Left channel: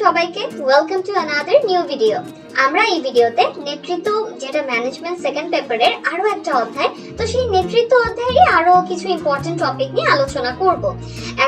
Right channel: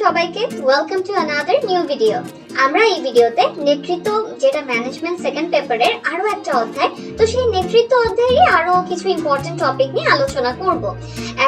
সবাইকে welcome to another new video. আমরা এই ভিডিওতে নেতৃত্ব যেটা ম্যানেজমেন্ট সেকেন্ড পেপারের আরো একটা অধ্যায়, তো সেই নেতৃত্ব অধ্যায়ে আরো কিছু ইম্পর্টেন্ট টপিক নিয়ে আলোচনা করব।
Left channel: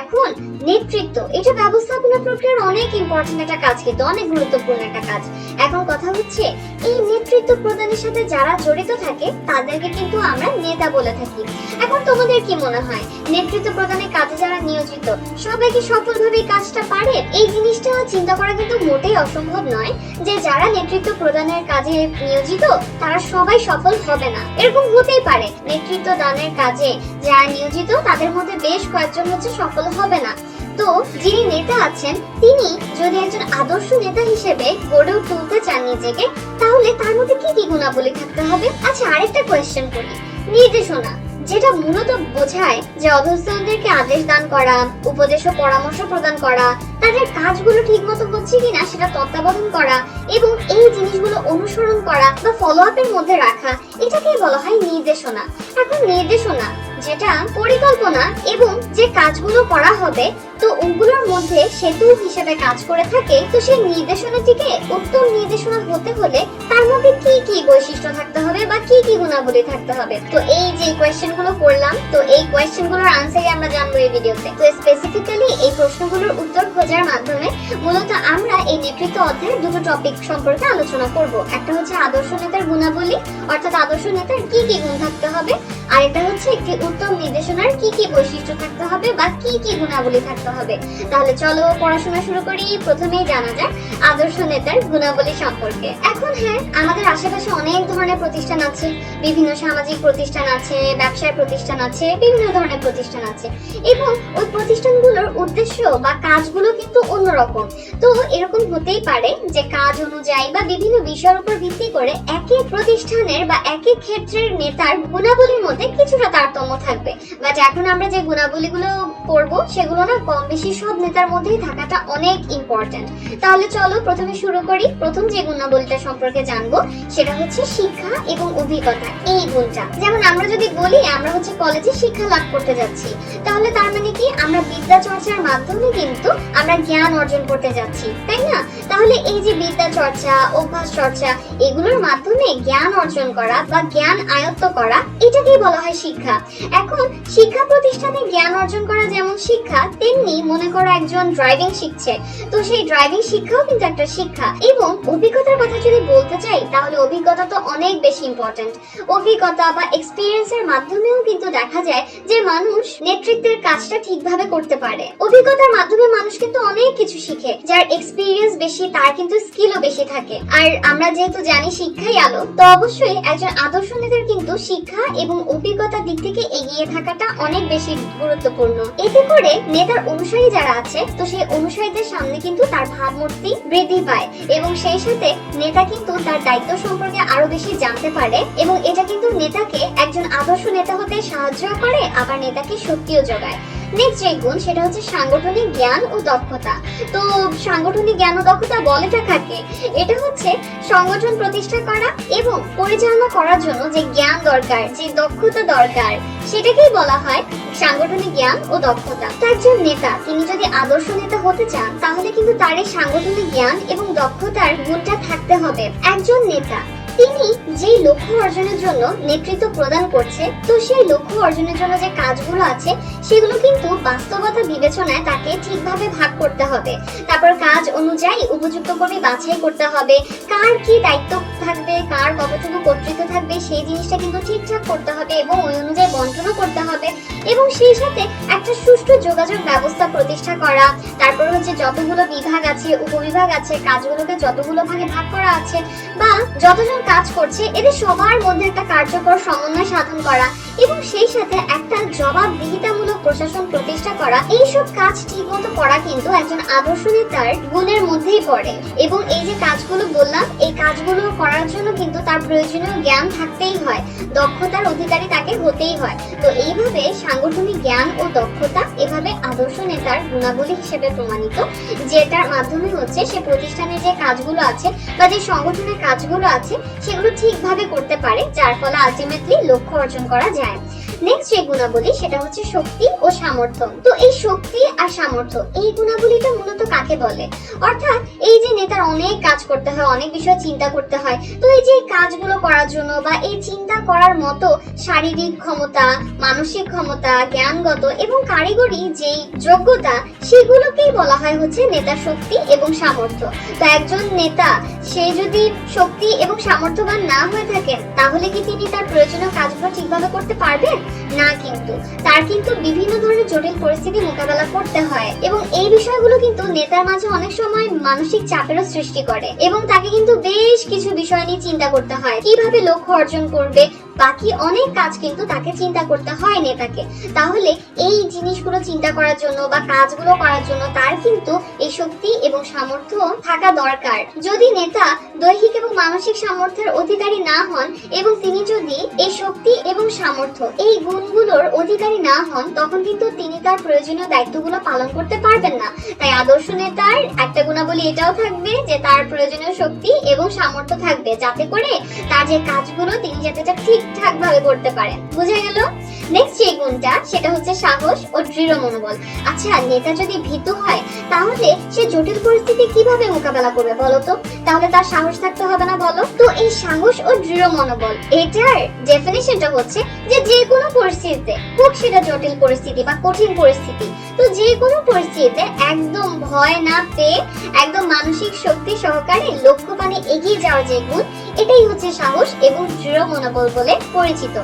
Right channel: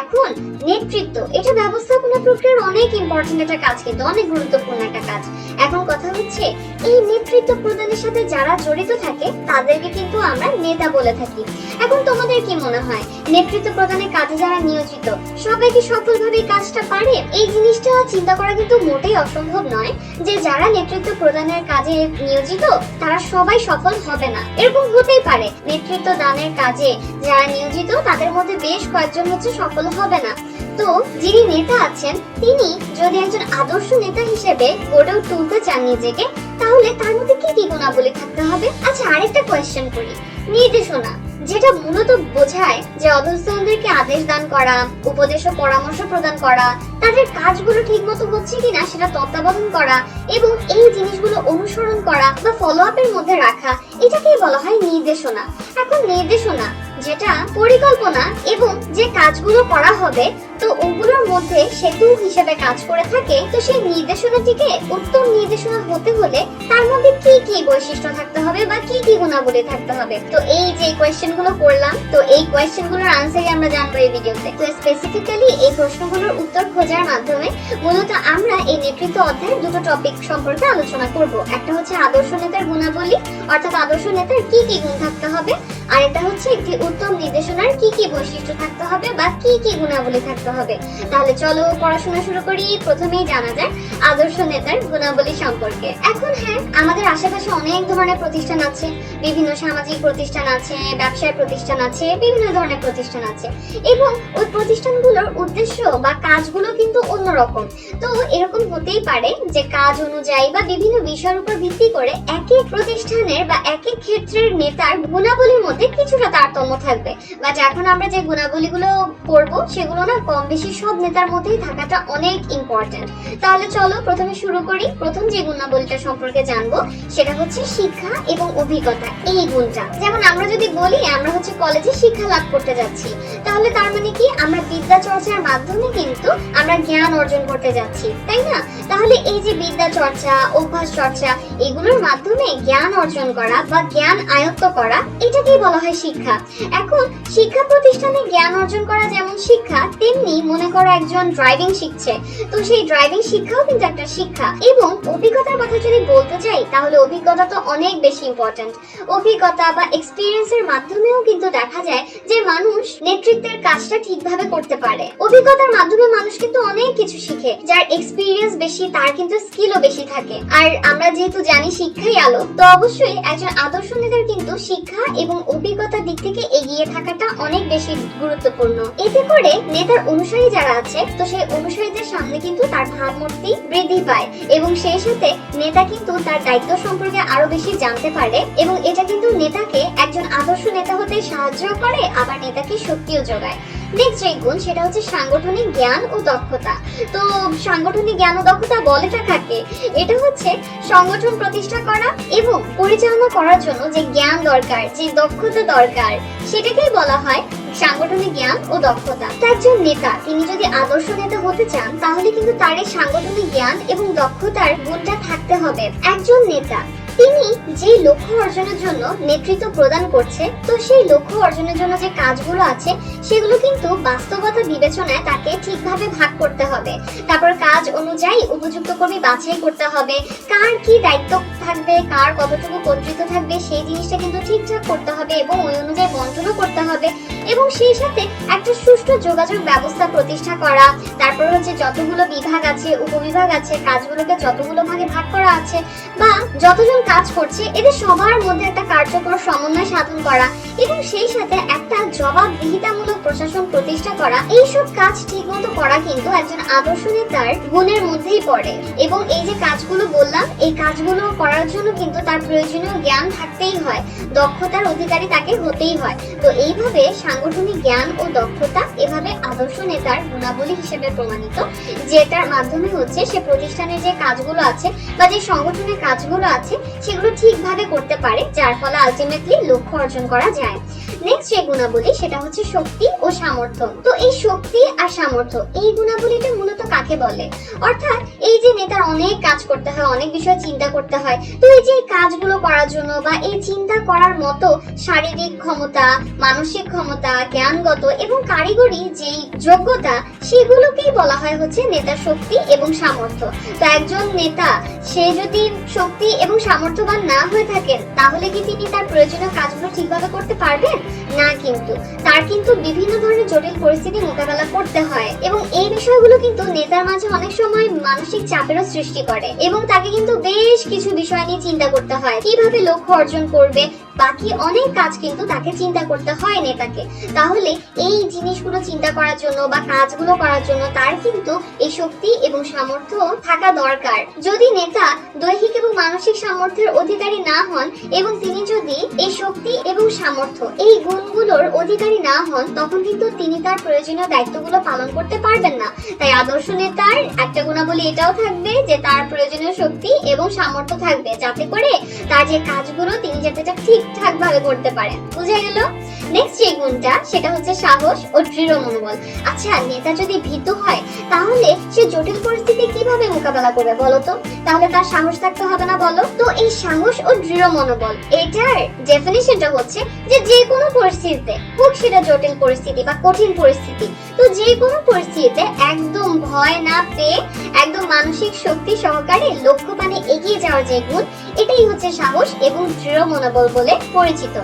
এখন নেতৃত্ব এটা ব্যবস্থাপনা প্রক্রিয়ার অনেক ইম্পর্টেন্ট একটা কাজ, কিন্তু অনেক গুরুত্বপূর্ণ একটা কাজ। এখন কথা হচ্ছে এই নেতৃত্ব প্রদানের সাথে যারা জড়িত থাকে তাদেরকে কিন্তু আমরা নেতা বলে থাকি। এখন তোমাদের কি মনে হয় নেতৃত্ব প্রদানের কাজে যারা নিয়োজিত সবাই কি সফলভাবে কাজটা পারে? এই জিনিসটা চিন্তা করা কিন্তু মোটেই অসম্ভব নয় যে যারা নেতৃত্ব প্রদানের কাজে নিয়োজিত তারা সবাই সফল হবে না। এরকম হতেই পারে নেতৃত্ব দানের কাজে যারা নিয়োজিত তাদের মধ্যে বেশ কয়েকজন সফল হবে না। তো যিনি নেতা আছেন তিনি যদি একজন আদর্শ নেতা হিসেবে গড়ে তুলতে চান নিজেকে, তাহলে তার মধ্যে কি কি গুণাবলী থাকতে হবে? আচ্ছা, আরেকটা কোয়েশ্চেন করি। নির্দেশনা যেটা মূলত বোঝায় যে অধস্তনদেরকে আদেশ দান করা, উপদেশ ও পরামর্শ প্রদান করা, তাদের কাজগুলো ঠিকমতো হচ্ছে কিনা সেটা তত্ত্বাবধান করা এবং এই জিনিসগুলো অনুসরণ করা বা ফলো আপের মধ্যে রাখা, এটাকেই বলা হয় নির্দেশনা। এখন নির্দেশনা যেটা পরিকল্পনা এবং যে কাজগুলো করা হবে তো ওগুলোর মধ্যে সেতু হিসেবে কাজ করে থাকে। তো সেই নির্দেশনাটিকে উত্তম নির্দেশনা হতে হলে তার মধ্যে কি কি বৈশিষ্ট্য থাকতে হবে বা কি কি গুণাবলী থাকতে হবে? তো এই যে কোয়েশ্চেনগুলো করলাম, তো এই কোয়েশ্চেনগুলোর আনসারই আমরা জানবো এই ভিডিওতে। তো স্পেসিফিক্যালি এই প্রশ্নগুলোর উত্তর খোঁজার মাধ্যমে মূলত আমরা এই নেতৃত্ব অধ্যায়ের দুটো টপিক সম্পর্কে আলোচনা করব। একটা হচ্ছে আদর্শ নেতার গুণাবলী, অর্থাৎ আদর্শ নেতার কি কি গুণ থাকতে হবে, আর একটা হচ্ছে একটি উত্তম নির্দেশনার কি কি বৈশিষ্ট্য থাকতে হবে বা কি কি গুণাবলী থাকতে হবে। তাহলে চলো পড়াশোনা শুরু করি। প্রথমেই জানা যায় আদর্শ নেতার গুণাবলী সম্পর্কে। এখন হ্যাঁ, আমাদের আশেপাশে অনেক ধরনের প্রতিষ্ঠান আছে, বিভিন্ন সামাজিক প্রতিষ্ঠান আছে, ব্যবসায় প্রতিষ্ঠান আছে, বিভিন্ন ধরনের প্রতিষ্ঠান আছে এবং ওই প্রতিষ্ঠানগুলোর উদ্দেশ্য বা কাজগুলো কিন্তু অন্যরকম। তো এরকম হতেই পারে যে কাজ অনুযায়ী বা বিভিন্ন বিষয়ের উপর ভিত্তি করে এক এক প্রতিষ্ঠানের বা এক এক ক্ষেত্রের নেতার গুণাবলীর মধ্যে কিছুটা তারতম্য থাকবে, বা এখন আমরা যে গুণাবলীগুলো পড়বো সেগুলো না কম বেশি সব নেতার মধ্যেই থাকাটা অনেক ইম্পর্টেন্ট। তাহলে চলো প্রথমে শুরু করি। প্রথম যে গুণাবলীটা সম্পর্কে জানবো সেটা হচ্ছে শিক্ষা এবং অভিজ্ঞতা। এই গুণটা যেমন আমরা যদি বলি আমরা হচ্ছে কলেজে শিক্ষা লাভ করতে যাচ্ছি, তাহলে তার মানে কি আমরা বিদ্যা চর্চার মাধ্যমে কিন্তু আমরা জ্ঞান অর্জন করতে যাচ্ছি, তাই না? তাহলে এই যে বিদ্যা চর্চা, অভ্যাস চর্চা, এগুলোর মাধ্যমে জ্ঞান অর্জন করা বা জ্ঞান আয়ত্ত করা, এটাকেই বলা হয় শিক্ষা। এখন শিক্ষা প্রতিষ্ঠানে জ্ঞান অর্জন করা যেমন শিক্ষা, তেমনি মনে করো একজন ড্রাইভিং শিখছে, তো সেই ড্রাইভিং শিক্ষাও কিন্তু একটা শিক্ষা। এবং অভিজ্ঞতার কথা যদি বলতে চাই তাহলে অভিজ্ঞতা তো অনেক বেশি ইম্পর্টেন্ট। অভিজ্ঞতা বা এক্সপিরিয়েন্সের মাধ্যমেও কিন্তু দেখা যায় যে মানুষ নেতৃত্বের কাজটা ঠিকভাবে করতে পারে। অভিজ্ঞতার মাধ্যমে মানুষ কিন্তু অনেক কিছু শিখে। যার এক্সপিরিয়েন্স বেশি তার কিন্তু স্কিলও বেশি থাকে। আর আমরা যেহেতু জানি শিক্ষাই আলো, তো অবশ্যই একজন আদর্শ নেতার কিন্তু শিক্ষা এবং অভিজ্ঞতার দিক থেকে এগিয়ে থাকাটা অনেক বেশি গুরুত্বপূর্ণ। এতে করে নেতার অনুসারী যারা আছে তো সেই অনুসারীদের সামনে কিন্তু তার ভাবমূর্তি বৃদ্ধি পায় এবং সেই সাথে নেতা কিন্তু তার দায়িত্ব সম্পর্কে আরো বেশি জানতে পারে এবং এটা কিন্তু নেতাকে একজন আদর্শ নেতা হতে সাহায্য করে, আবার নেতাকে শক্তিও যোগায়। নেক্সট যে গুণ সেটা হচ্ছে সাংগঠনিক জ্ঞান ও দক্ষতা। তো সাংগঠনিক জ্ঞান ও দক্ষতা বলেটা থাকে, এটা হচ্ছে সংগঠন প্রতিষ্ঠা করা এবং পরিচালনা করার জন্য যে জ্ঞান দরকার, যে দক্ষতা দরকার, সেটাকেই বলা হয় সাংগঠনিক জ্ঞান ও দক্ষতা। তো একজন নেতা তিনি যদি আদর্শ নেতা হতে চান তাহলে কিন্তু তার এই সাংগঠনিক জ্ঞান এবং দক্ষতার গুণটা থাকতে হবে। একজন নেতা তিনি যে লক্ষ্য অর্জনের জন্য নেতৃত্ব প্রদান করছে, তো সেই লক্ষ্য অর্জনের জন্য যে কাজগুলো আছে সেগুলো কিন্তু বাস্তবতা বিবেচনায় তাকে ঠিকভাবে ভাগ করতে হবে। তারপর কাজ অনুযায়ী উপযুক্ত করে বাছাই করতে হবে, কার কি দায়িত্ব থাকবে, কার কতটুকু কর্তৃত্ব থাকবে, সেই জিনিসটা কিন্তু ঠিকঠাক করতে হবে এবং ওই অনুযায়ী বন্টনও করতে হবে। এবং সেই সাথে একটা সুষ্ঠু যোগাযোগ ব্যবস্থা প্রতিষ্ঠা করা, তারপর হচ্ছে যতগুলো বিভাগ আছে, উপবিভাগ আছে, কাজগুলোকে যতগুলো ভাগে ভাগ করা আছে বা যতজন কাজ করছে এদের সবার মধ্যে একটা কার্যকর সমন্বয় সাধন করা এবং সেই সাথে একটা জবাবদিহিতামূলক প্রশাসন প্রতিষ্ঠা করা, এইসব কাজ ঠিকমতো করা কিন্তু একজন আদর্শ নেতার গুণের মধ্যেই পড়ে। এবং এই যে কাজগুলো বললাম, এই কাজগুলো করার জন্য কিন্তু তার প্রয়োজনীয় জ্ঞান থাকতেই হয়, দক্ষতার অধিকারী তাকে হতেই হয়। তো এইভাবে সাংগঠনিক জ্ঞান ও দক্ষতা এভাবে আদর্শ নেতার গুণাবলী হিসেবে প্রমাণিত, যেটার মাধ্যমে হচ্ছে সে প্রতিষ্ঠানের যে কাজগুলো আছে বা যে সংগঠনের কাজগুলো আছে সেগুলো ঠিকভাবে করতে পারে, যার ফলে আলটিমেটলি লক্ষ্য অর্জন করা যায়। নেক্সট যে গুণাবলী সেটা হচ্ছে শক্তি ও সামর্থ্য। তো এই শক্তি আর সামর্থ্য এই গুণাবলীটা মূলত কাকে বলে? অর্থাৎ এই যে নেতার অনেক কাজ করতে হয়, অনেক বিষয় চিন্তা করতে হয়, তো এই যে কাজগুলো করার জন্য বা এই চিন্তা করার মতো শারীরিক ক্ষমতা, মানসিক ক্ষমতা, জ্ঞানগত এবং কারিগরি যে যোগ্যতা, সেগুলোকেই বলা হয় হচ্ছে নেতার শক্তি এবং সামর্থ্য। তো একজন নেতা সে যদি শক্তি এবং সামর্থ্যবান না হয়ে থাকে, তাহলে কি তিনি তার প্রয়োজনীয় কাজগুলো ঠিকভাবে করতে পারবেন? না, কিন্তু তার কিন্তু বিভিন্ন ধরনের জটিল পরিস্থিতি মোকাবেলা করতে হয় এবং এই বিষয়গুলো কিন্তু নেতার মাঝে অনেক সময় মানসিক চাপেরও সৃষ্টি করে এবং তাকে কিন্তু বেশ কিছু বিষয় নিয়ে চিন্তা করতে হয়, কিভাবে লক্ষ্য অর্জন করবে, বাকি অনেক কাজ কিন্তু তাকে চিন্তা করতে হয় নেতাকে। তাহলে এই জিনিসগুলো চিন্তা করার জন্য বা কাজগুলো করার জন্য তার কিন্তু এই শক্তি এবং সামর্থ্য থাকা দরকার। যদি নেতা দৈহিক এবং মানসিক সামর্থ্যের অধিকারী না হন এবং তিনি যদি এই শক্তি এবং সামর্থ্য এই গুণগুলোর অধিকারী না হন, তখন কিন্তু তিনি তার প্রয়োজনীয় দায়িত্বগুলো পালন করতে পারবেন না। তাই আদর্শ নেতার একটা গুণাবলী এটাও থাকবে যে তার প্রয়োজনীয় শক্তি এবং সামর্থ্য থাকবে, যাতে করে তার যে কাজগুলো তিনি যাতে ঠিকঠাক ভাবে করতে পারেন। বুঝা গেল? নেক্সট যে গুণটা সেটা হচ্ছে সাহস ও দৃঢ় মনোবল। আচ্ছা, নেতা যদি ভীতু হয়, তাহলে সে জটিল পরিস্থিতি কিভাবে মোকাবেলা করবে বলো তো? তাহলে তার সাহস থাকতে হবে না, বলো? তো এই সাহস ও দৃঢ় মনোবল এটার ডেফিনিশনটা হচ্ছে যে যে কোনো পরিস্থিতিতে, হোক সেটা জটিল পরিস্থিতি বা কঠিন পরিস্থিতি, তো যে কোনো পরিস্থিতিতে একদম ভয় না পেয়ে একদম মানসিক শক্তি সহকারে লক্ষ্যপানে এগিয়ে যাওয়ার যে গুণ, এটাই হচ্ছে সাহস এবং দৃঢ় মনোবল বলে পরিচিত।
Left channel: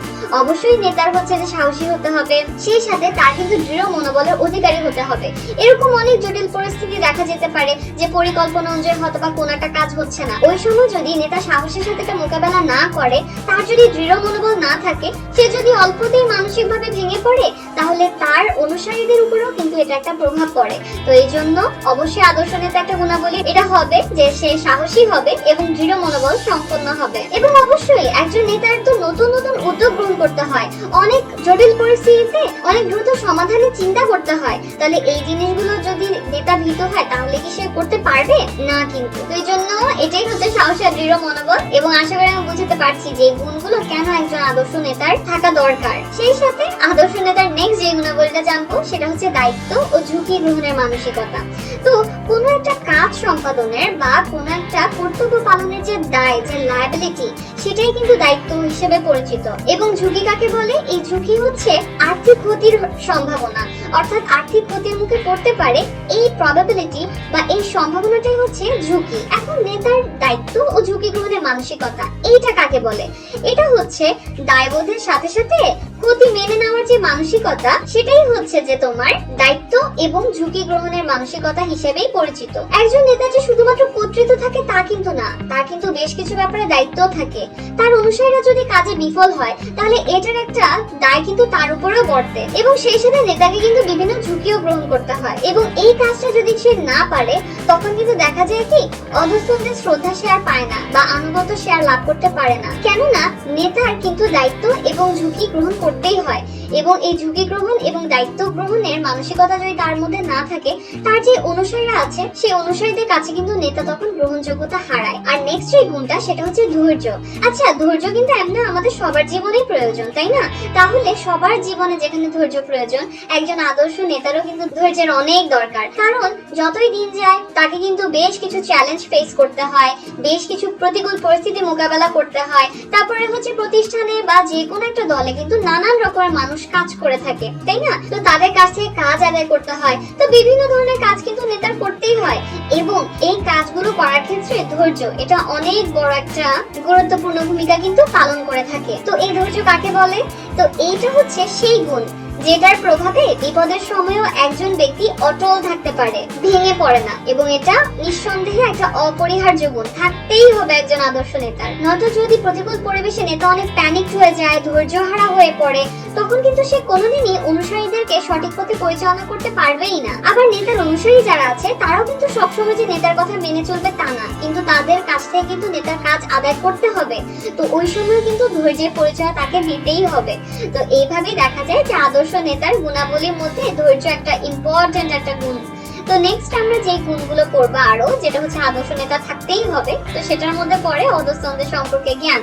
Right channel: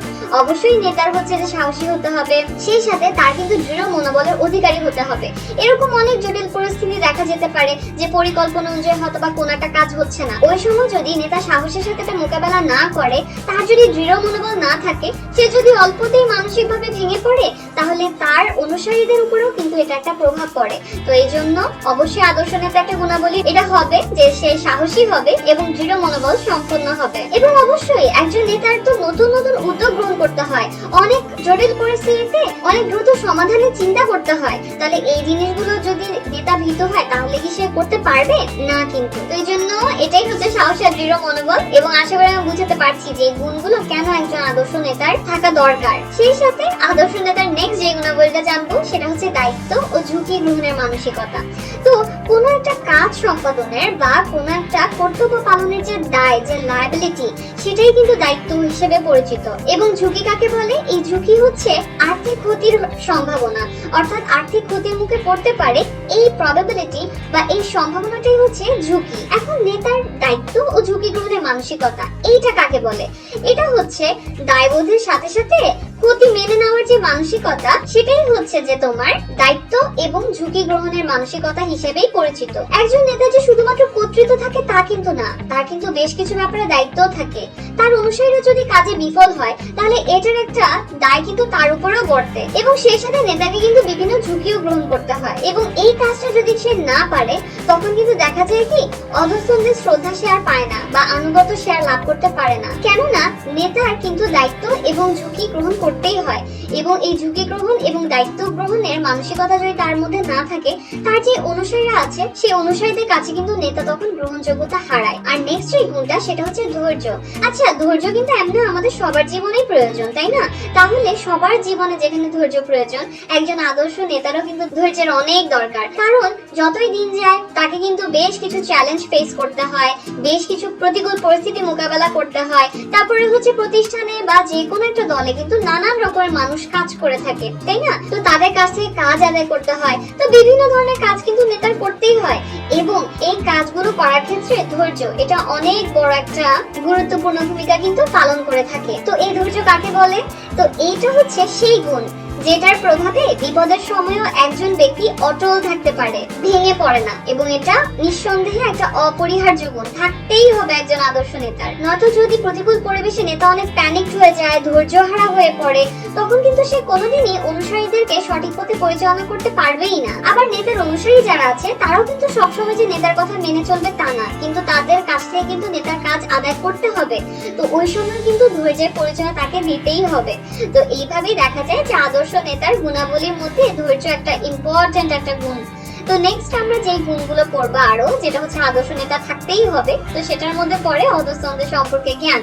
অবশ্যই নেতার হচ্ছে যে সাহসী হতে হবে, সেই সাথে তার কিন্তু দৃঢ় মনোবলের অধিকারী হতে হবে। এরকম অনেক জটিল পরিস্থিতি দেখা যেতে পারে যে পরিকল্পনা অনুযায়ী হয়তো বা কোনো একটা কাজ হচ্ছে না, ওই সময় যদি নেতা সাহসের সাথে এটা মোকাবেলা না করে, তার যদি দৃঢ় মনোবল না থাকে, সে যদি অল্পতেই মানসিকভাবে ভেঙে পড়ে, তাহলে তার অনুসারীদের উপরেও কিন্তু এটা একটা প্রভাব পড়ে। তো এই জন্য অবশ্যই আদর্শ নেতা একটা গুণাবলী এটা হবে যে সে সাহসী হবে এবং দৃঢ় মনোবল সম্পন্ন হবে। এবং অবশ্যই একজন নেতার তো নতুন নতুন উদ্যোগ গ্রহণ করতে হয়, অনেক জটিল পরিস্থিতিতে অনেক দ্রুত সমাধানের চিন্তা করতে হয়। তাহলে এই জিনিসগুলো যদি নেতা ভীত হয়, তাহলে কি সে করতে পারবে না? কিন্তু এই জন্য এটাই হচ্ছে সাহস আর দৃঢ় মনোবল। এবং আশা করি আমি বুঝতে পারছি যে গুণগুলো কেন একজন আদর্শ নেতার থাকা দরকার। সেই সাথে আদর্শ নেতার নেক্সট যে গুণাবলীটা জানবো সেটা হচ্ছে দায়িত্ব ও ঝুঁকি গ্রহণের মানসিকতা। তো কোনো একটা কাজ সম্পাদনের বা কোনো একটা কর্তব্য পালনের যে দায়, যে লায়াবিলিটি, সেটাই কিন্তু দায়িত্ব হিসেবে পরিচিত। এবং ঝুঁকি কাকে বলে? এই ঝুঁকি হচ্ছে আর্থিক ক্ষতির সম্ভাবনা, অর্থাৎ আর্থিক ক্ষতির মুখে পড়তে পারে এই প্রবাবিলিটি বা এই সম্ভাবনাটাই হচ্ছে ঝুঁকি। এখন নেতার দায়িত্ব ও ঝুঁকি গ্রহণের মানসিকতা এইটা কাকে বলে? এটা হচ্ছে দায়বোধের সাথে সাথে ক্ষতি মেনে নেওয়ার যে মানসিকতা, সেটাই হচ্ছে যে তোমার দায়িত্ব এবং ঝুঁকি গ্রহণের মানসিকতা হিসেবেই পরিচিত। একজন নেতা যে শুধুমাত্র কর্তৃত্ব থাকে তা কিন্তু না, তার কিন্তু বেশ কিছু ব্যাপারে দায়িত্ব থাকে। তার অনুসারীরা যদি কাজে বিফল হয়, তাহলে এটার একটা দায় কিন্তু তার উপরেও বর্তে এবং সেই সাথে নেতাকে কিন্তু বিভিন্ন ঝুঁকিও গ্রহণ করতে হয়। এবং এই কাজটা যদি সে না পারে, তখন কিন্তু দেখা যায় কি অধস্তনদের শ্রদ্ধা সে আর পায় না বা আনুগত্য সে আর লাভ করতে পারে না। কেননা নেতার কিন্তু দায়িত্ব এবং ঝুঁকি গ্রহণ করতেই হয় এবং এই ঝুঁকি গ্রহণ এবং দায়িত্ব গ্রহণের মানসিকতা যদি তার মধ্যে না থাকে, তার যে অনুসারীরা আছে সেই অনুসারীদের কাছে কিন্তু নেতা তখন গ্রহণযোগ্যতা হারায়। আর নেক্সট যে গুণটা সেটা হচ্ছে ধৈর্য। আচ্ছা, ধৈর্য কিন্তু একদম আমাদের সবার জীবনেই প্রয়োজন, তাই না? তাহলে সবার জীবনে যেখানে ধৈর্য প্রয়োজন, একজন আদর্শ নেতারও কিন্তু ধৈর্যের অনেক দরকার। কারণ যতই দিন যায় তাকে কিন্তু বেশ কিছু চ্যালেঞ্জ ফেস করতে হয়, বেশ কিছু প্রতিকূল পরিস্থিতি মোকাবেলা করতে হয়। তারপরে হচ্ছে প্রতিষ্ঠানে বা যে কোনো একটা দলে কিন্তু নানান রকমের মানুষ কাজ করে থাকে, তাই না? তো তাদের কাছ থেকে কাজ আদায় করতে হয়। তো বিভিন্ন ধরনের কাজ কিন্তু নেতার করতেই হয় এবং এই কাজগুলো করার ক্ষেত্রে ধৈর্য এটা অনেক বড় একটা গুরুত্বপূর্ণ ভূমিকা কিন্তু পালন করে থাকে। তো এই ধৈর্য কাকে বলে? তো এইটা হচ্ছে সেই গুণ যেটার প্রভাবে বিপদের সময়ও একজন ব্যক্তি অটল থাকতে পারে, ভেঙে পড়ে না, এবং এটা নিঃসন্দেহে একটা অপরিহার্য গুণ, থাকতেই হবে একজন আদর্শ নেতার। নয়তো যদি প্রতিকূল পরিবেশে নেতা অনেক প্যানিক হয়ে যায়, ধৈর্যহারা হয়ে পড়ে, তখন কিন্তু সে কোনোদিনই অনুসারীদেরকে সঠিক পথে পরিচালনা করতে পারবেই না। আবার নেতার অনুসারী যারা আছে তারাও কিন্তু সবসময় যে নেতার কথা মেনে চলবে তা না, কিন্তু তাদের কাছ থেকে কিন্তু নেতার কাজ আদায় করতে হবে। তো ওই সময় কিন্তু ধৈর্যের পরিচয় তাকে দিতেই হবে। তো এইভাবেই দেখা যায় যে আদর্শ নেতার গুণাবলীর মধ্যে ধৈর্য একটা ইম্পর্টেন্ট একটা গুণ। তো নেক্সট আমরা যে গুণগুলো পড়বো আরো, যেটা হচ্ছে আদর্শ নেতা থাকতেই হবে, তো সেটার মধ্যে পড়ে অধস্তনদের সম্পর্কে জ্ঞান।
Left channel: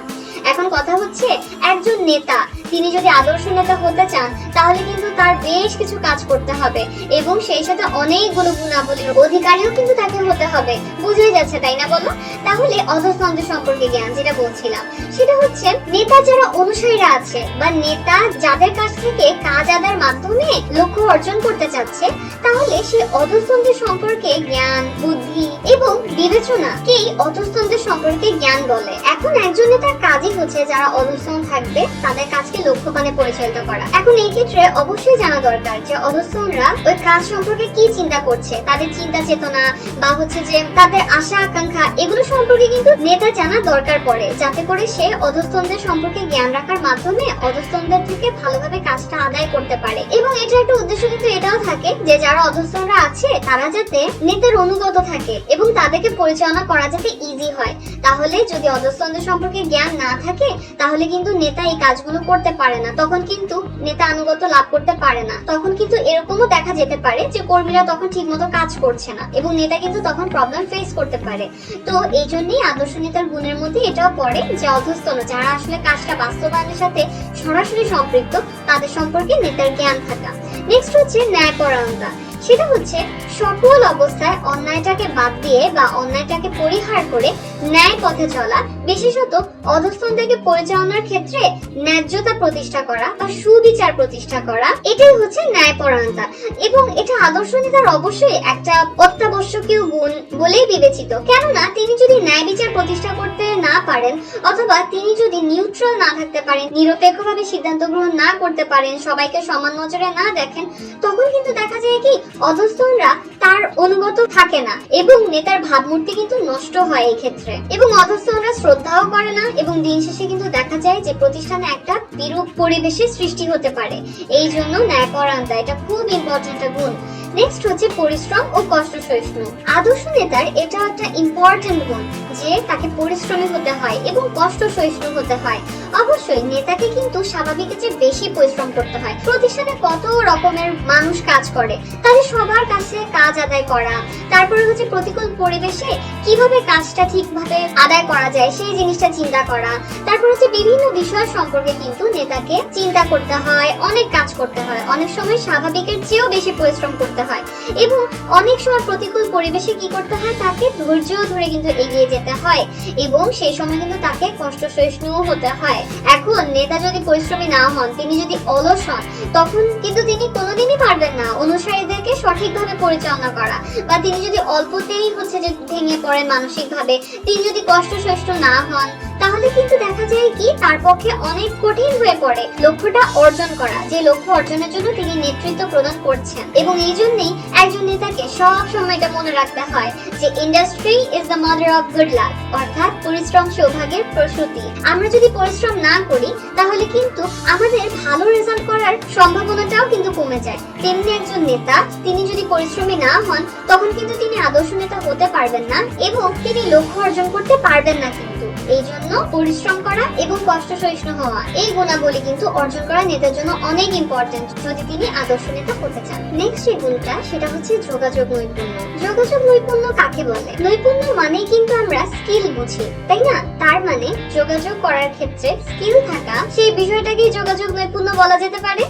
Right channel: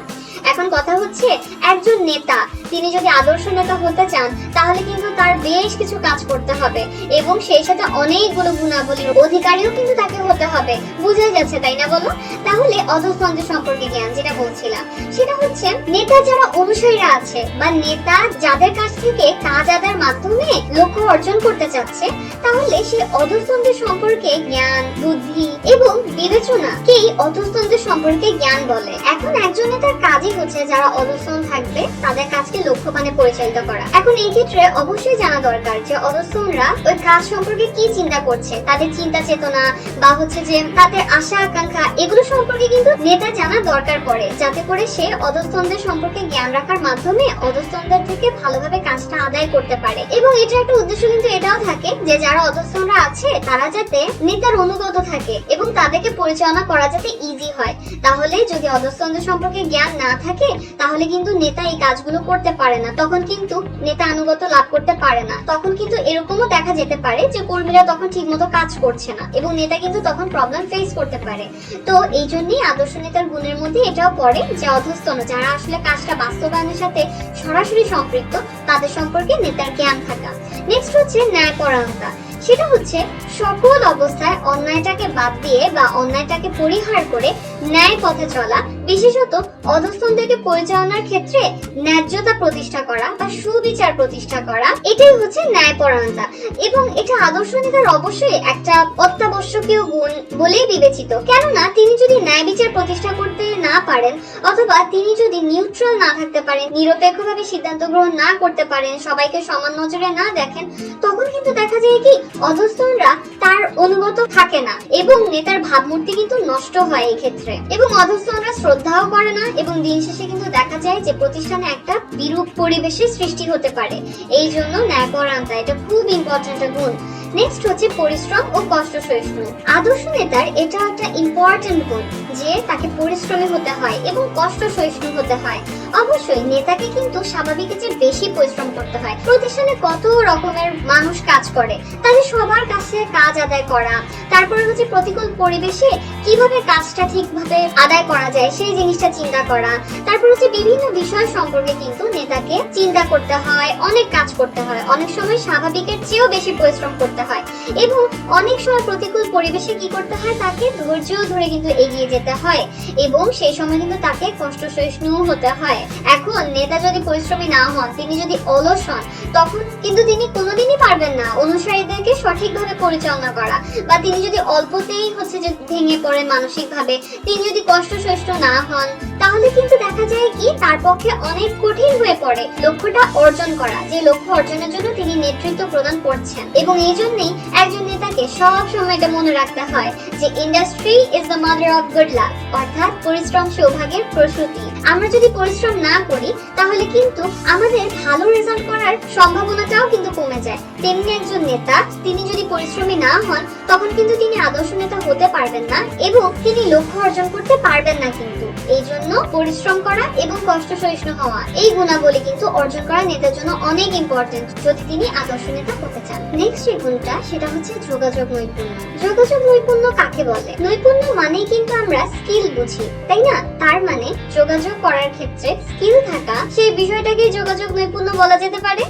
এখন কথা হচ্ছে একজন নেতা তিনি যদি আদর্শ নেতা হতে চান তাহলে কিন্তু তার বেশ কিছু কাজ করতে হবে এবং সেই সাথে অনেকগুলো গুণাবলীর অধিকারীও কিন্তু তাকে হতে হবে। বুঝাই যাচ্ছে তাই না বলো? তাহলে অধস্তন সম্পর্কে জ্ঞান যেটা বলছিলাম সেটা হচ্ছে নেতা যারা অনুসারীরা আছে বা নেতা যাদের কাছ থেকে কাজ আদায়ের মাধ্যমে লক্ষ্য অর্জন করতে চাচ্ছে, তাহলে সেই অধস্তন সম্পর্কে জ্ঞান, বুদ্ধি এবং বিবেচনাকেই অধস্তন সম্পর্কে জ্ঞান বলে। এখন একজন নেতার কাজই হচ্ছে যারা অধস্তন থাকবে তাদের কাজকে লক্ষ্যবানে পরিচালিত করা। এখন এই ক্ষেত্রে অবশ্যই জানা দরকার যে অধস্তনরা ওই কাজ সম্পর্কে কি চিন্তা করছে, তাদের চিন্তা চেতনা বা হচ্ছে যে তাদের আশা আকাঙ্ক্ষা এগুলো সম্পর্কে কিন্তু নেতা জানা দরকার পড়ে, যাতে করে সে অধস্তনদের সম্পর্কে জ্ঞান রাখার মাধ্যমে অধস্তনদের থেকে ভালোভাবে কাজটা আদায় করতে পারে। এবং এটা একটা উদ্দেশ্য কিন্তু এটাও থাকে যে যারা অধস্তনরা আছে তারা যাতে নেতার অনুগত থাকে এবং তাদেরকে পরিচালনা করা যাতে ইজি হয়। তাহলে যদি অধস্তনদের সম্পর্কে জ্ঞান না থাকে তাহলে কিন্তু নেতা এই কাজগুলো করতে পারে না, তখন কিন্তু নেতা আনুগত্য লাভ করতে পারে না। তখন কিন্তু এরকমও দেখা যেতে পারে যে কর্মীরা তখন ঠিকমতো কাজ করছে না এবং নেতা কিন্তু তখন প্রবলেম ফেস করতে পারে। তো এই জন্যই আদর্শ নেতার গুণের মধ্যে এটাও পড়ে যে অধস্তন যারা আসলে কাজটা বাস্তবায়নের সাথে সরাসরি সম্পৃক্ত তাদের সম্পর্কে নেতার জ্ঞান থাকা। নেক্সট হচ্ছে ন্যায়পরায়ণতা। সেটা হচ্ছে সকল অবস্থায় অন্যায়টাকে বাদ দিয়ে বা অন্যায়টাকে পরিহার করে ন্যায় পথে চলা, বিশেষত অধস্তনদেরকে পরিচালনার ক্ষেত্রে ন্যায্যতা প্রতিষ্ঠা করা বা সুবিচার প্রতিষ্ঠা করা, এটাই হচ্ছে ন্যায়পরায়ণতা। এবং এটা আদর্শ নেতার অবশ্যই একটা অত্যাবশ্যকীয় গুণ বলেই বিবেচিত, কেননা তিনি যদি ন্যায় বিচার প্রতিষ্ঠা করতে না পারেন অথবা তিনি যদি নিউট্রাল না থাকতে পারেন, নিরপেক্ষভাবে সিদ্ধান্ত গ্রহণ না করতে পারেন, সবাইকে সমান নজরে না দেখেন, তখন কিন্তু দেখা যায় কি অধস্তনরা তার অনুগত থাকে না এবং নেতার ভাবমূর্তি কিন্তু নষ্ট হয় এই ক্ষেত্রে। এবং অধস্তনরা শ্রদ্ধাও করে না এবং দিন শেষে কিন্তু দেখা যায় যে প্রতিষ্ঠানে একটা বিরূপ পরিবেশের সৃষ্টি হতে পারে। এই জন্য ন্যায়পরায়ণতা এটা খুব ইম্পর্টেন্ট গুণ। নেক্সট হচ্ছে পরিশ্রম ও কষ্ট সহিষ্ণু। আদর্শ নেতার এটা একটা ইম্পর্টেন্ট গুণ যে তাকে পরিশ্রমী হতে হয় এবং কষ্ট সহিষ্ণু হতে হয়। অবশ্যই নেতাকে কিন্তু স্বাভাবিকের চেয়ে বেশি পরিশ্রম করতে হয়। প্রতিষ্ঠানে কত রকমের মানুষ কাজ করে, তাদের সবার কাছে কাজ আদায় করা, তারপরে হচ্ছে প্রতিকূল পরিবেশে কিভাবে কাজটা ঠিকভাবে আদায় করা যায় সেই জিনিসটা চিন্তা করা, তারপর হচ্ছে বিভিন্ন বিষয় সম্পর্কে কিন্তু নেতাকে চিন্তা করতে হয়, অনেক কাজ করতে হয়, অনেক সময় স্বাভাবিকের চেয়েও বেশি পরিশ্রম করতে হয় এবং অনেক সময় প্রতিকূল পরিবেশে কি করতে হয়, তাকে ধৈর্য ধরে কিন্তু এগিয়ে যেতে হয় এবং সেই সময় কিন্তু তাকে কষ্ট সহিষ্ণুও হতে হয়। এখন নেতা যদি পরিশ্রমী না হন, তিনি যদি অলস হন, তখন কিন্তু তিনি কোনোদিনই পারবেন না অনুসারীদেরকে সঠিকভাবে পরিচালনা করা, বা তিনি যদি অল্পতেই হচ্ছে যে ভেঙে পড়েন মানসিকভাবে, তিনি যদি কষ্ট সহিষ্ণু না হন, তাহলে কিন্তু দেখা যায় কি তার পক্ষে অনেক কঠিন হয়ে পড়ে লক্ষ্যটা অর্জন করা, যে লক্ষ্য অর্জনের জন্য তিনি নেতৃত্ব প্রদান করছেন। এবং এই জন্যই একজন নেতাকে সব সময় এটা মনে রাখতে হয় যে industry is the mother of good luck, অর্থাৎ পরিশ্রম সৌভাগ্যের প্রসূতি। আমরা যদি পরিশ্রম না করি তাহলে কিন্তু আমাদের ভালো রেজাল্ট করার সম্ভাবনাটাও কিন্তু কমে যায়। তেমনি একজন নেতা তিনি যদি পরিশ্রমী না হন তখন কিন্তু তিনি আদর্শ নেতা হতে পারবেন না এবং তিনি লক্ষ্য অর্জন করতে পারবেন না। কিন্তু এই জন্য পরিশ্রম করা এবং কষ্ট সহিষ্ণু হওয়া এই গুণাবলী কিন্তু অর্জন করা নেতার জন্য অনেক ইম্পর্টেন্ট যদি তিনি আদর্শ নেতা হতে চান। নেক্সট যে গুণটা সেটা হচ্ছে যোগাযোগ নৈপুণ্য। যোগাযোগ নৈপুণ্য কাকে বলে? নৈপুণ্য মানে কিন্তু আমরা স্কিল বুঝি, তাই না? তার মানে যোগাযোগ করার ক্ষেত্রে স্কিল থাকা, সেই বিষয়টাকে যোগাযোগ নৈপুণ্য বলা যেতে পারে।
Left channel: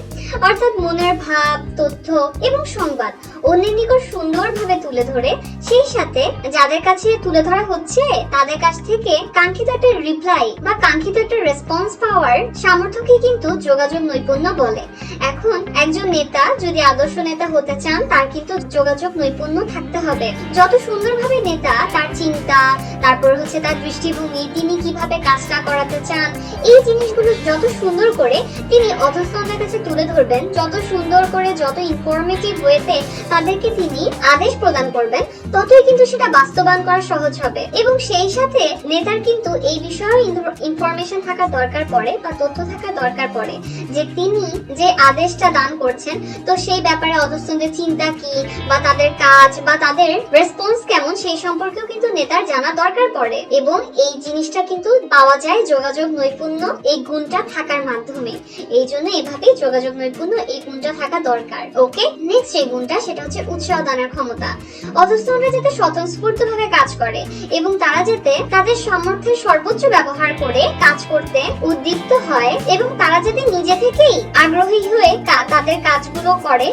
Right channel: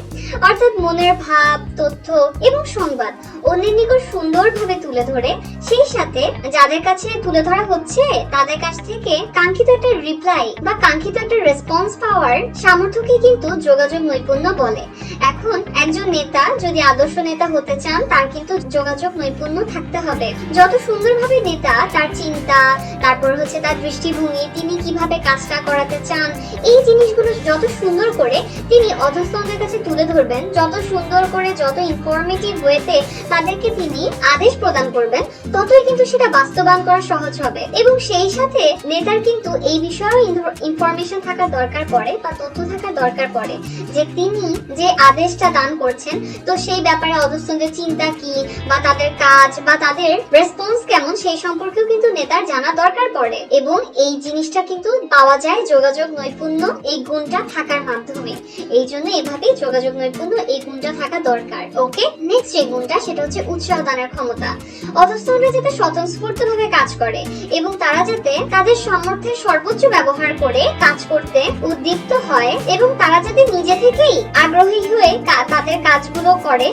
অর্থাৎ মনের ভাব, তথ্য এবং সংবাদ অন্যের নিকট সুন্দরভাবে তুলে ধরে সেই সাথে যাদের কাছে তুলে ধরা হচ্ছে তাদের কাছ থেকে কাঙ্ক্ষিত একটা রিপ্লাই বা কাঙ্ক্ষিত একটা রেসপন্স পাওয়ার সামর্থ্যকে কিন্তু যোগাযোগ নৈপুণ্য বলে। এখন একজন নেতা যদি আদর্শ নেতা হতে চান তার কিন্তু যোগাযোগ নৈপুণ্য থাকতে হবে। যত সুন্দরভাবে নেতা তার চিন্তা, তারপর হচ্ছে তার দৃষ্টিভঙ্গি, তিনি কিভাবে কাজটা করাতে চান, এই জিনিসগুলো যত সুন্দর করে তিনি অধস্তনদের কাছে তুলে ধরবেন, যত সুন্দর করে, যত ইনফরমেটিভ ওয়েতে তাদেরকে তিনি আদেশ প্রদান করবেন, ততই কিন্তু সেটা বাস্তবায়ন করা সহজ হবে। এবং সেই সাথে নেতার কিন্তু এই বিষয়েও ইনফরমেশন থাকা দরকার পড়ে বা তথ্য থাকা দরকার পড়ে যে তিনি যে আদেশটা দান করছেন তো সেই ব্যাপারে অধস্তনদের চিন্তা কি বা তাদের কাজ বা তাদের রেসপন্স কেমন সেই সম্পর্কেও কিন্তু নেতার জানা দরকার পড়ে। এবং এই জিনিসটা কিন্তু পাওয়া যায় যোগাযোগ নৈপুণ্য এই গুণটা থাকার মাধ্যমে। এই জন্য এভাবেই যোগাযোগ নৈপুণ্য এই গুণটা থাকা দরকার। ওকে, নেক্সট যে গুণটা সেটা হচ্ছে উৎসাহ দানের ক্ষমতা। অধস্তন অধস্তনরা যাতে স্বতঃস্ফূর্তভাবে কাজ করে এবং তারা যাতে তাদের সামর্থ্যের সর্বোচ্চ ব্যবহার করে কাজ করতে উদ্দীপ্ত হয় এবং তারা যাতে নিজে থেকেই আগ্রহী হয়ে তাদের কাজগুলো করে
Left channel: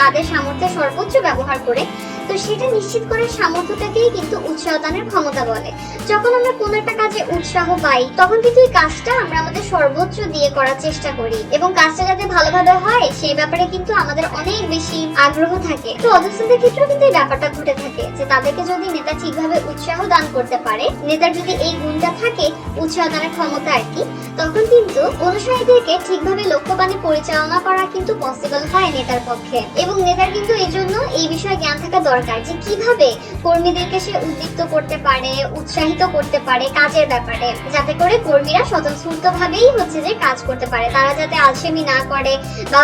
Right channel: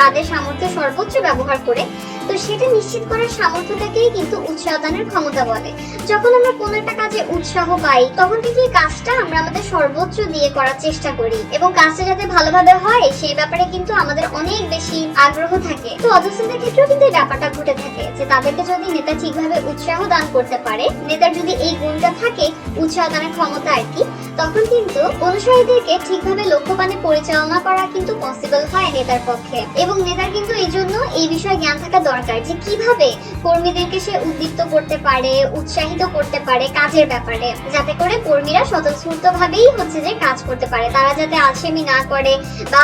তাদের সামর্থ্যের সর্বোচ্চ ব্যবহার করে, তো সেটা নিশ্চিত করার সামর্থ্যটাকেই কিন্তু উৎসাহদানের ক্ষমতা বলে। যখন আমরা কোনো একটা কাজে উৎসাহ পাই তখন কিন্তু এই কাজটা আমরা আমাদের সর্বোচ্চ দিয়ে করার চেষ্টা করি এবং কাজটা যাতে ভালোভাবে হয় সেই ব্যাপারে কিন্তু আমাদের অনেক বেশি আগ্রহ থাকে। তো অধস্তনদের ক্ষেত্রেও কিন্তু এই ব্যাপারটা ঘটে থাকে যে তাদেরকে যদি নেতা ঠিকভাবে উৎসাহ দান করতে পারে, নেতার যদি এই গুণটা থাকে উৎসাহ দানের ক্ষমতা আর কি, তখন কিন্তু অনুসারীদেরকে ঠিকভাবে লক্ষ্যবানে পরিচালনা করা কিন্তু পসিবল হয় নেতার পক্ষে। এবং নেতার কিন্তু এই জন্য এই বিষয়ে জ্ঞান থাকা দরকার যে কিভাবে কর্মীদেরকে সে উদ্দীপ্ত করতে পারে, উৎসাহিত করতে পারে কাজের ব্যাপারে, যাতে করে কর্মীরা স্বতঃস্ফূর্ত ভাবেই যে কাজ করতে পারে, তারা যাতে আলসেমি না করে বা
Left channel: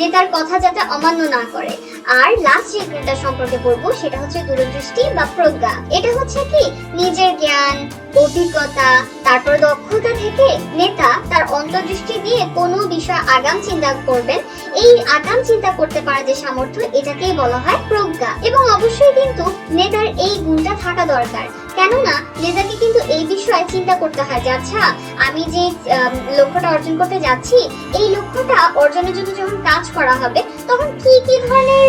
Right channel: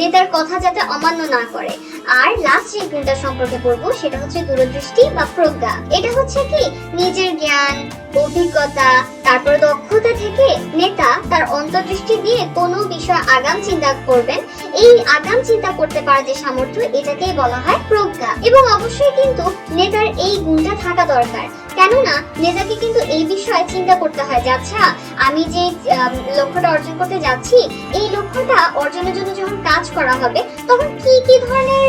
নেতার কথা যাতে অমান্য না করে। আর লাস্ট যে গুণটা সম্পর্কে বলবো সেটা হচ্ছে দূরদৃষ্টি বা প্রজ্ঞা। এটা হচ্ছে কি নিজের জ্ঞান, অভিজ্ঞতা, তারপর দক্ষতা থেকে নেতা তার অন্তর্দৃষ্টি দিয়ে কোনো বিষয় আগাম চিন্তা করবেন, এই আগাম চিন্তা করতে পারা যে সামর্থ্য, এটাকেই বলা হয় প্রজ্ঞা। এবং অবশ্যই কিন্তু নেতার এই গুণটা থাকা দরকার, কেননা নেতাকে কিন্তু এই বিষয়ে চিন্তা করতে হয় যে আচ্ছা আমি যে লক্ষ্যটা অর্জন করতে যাচ্ছি, এই লক্ষ্যটা অর্জনের জন্য যখন কাজ করা হবে তখন কি কি ধরনের